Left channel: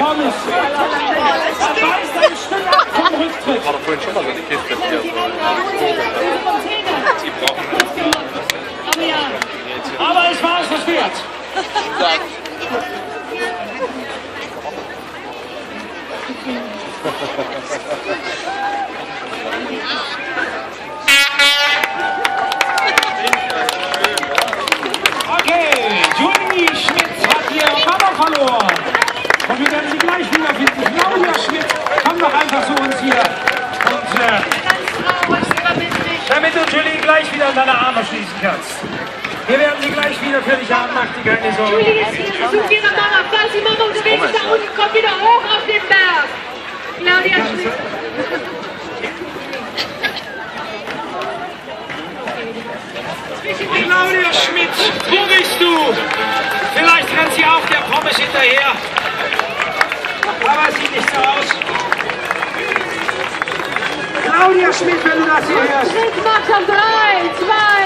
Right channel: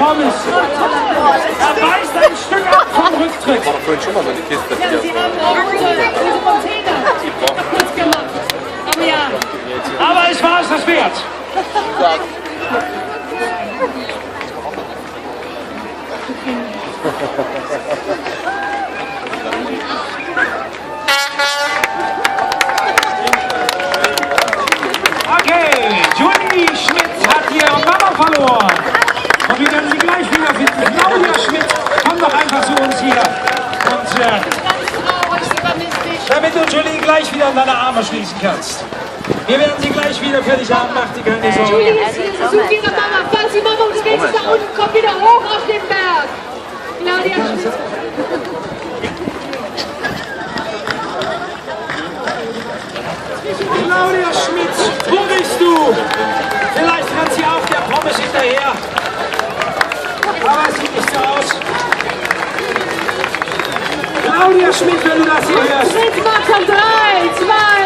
Pommes. Er weist ein Stück ab vom Rücktritt. Aber vorhin schon mal so die Kiste. Aber es war es das wert. Okay, Julie Schmidt hat hier Mama verloren. Und wir werden sie gleich wiederfinden. Claudia Schmidt, komm doch einfach zu uns hier. Und damit du Julie gleich wieder an deine Arme schließen kannst. Wir werden sie gleich wieder für dich haben, mach dir keine Sorgen. Julie ist hier, sie sucht ihre Mama. Falls die Mama unterwegs ist, da unten, kommt wieder hoch auf den Berg. Claudia Schmidt. Claudia Schmidt, wo bist du? Vielleicht rennt sie auf der Pommes hinterher. Aber es sieht nicht so aus. Claudia Schmidt, wenn du das hier hörst. Schmidt macht schon 3, 2,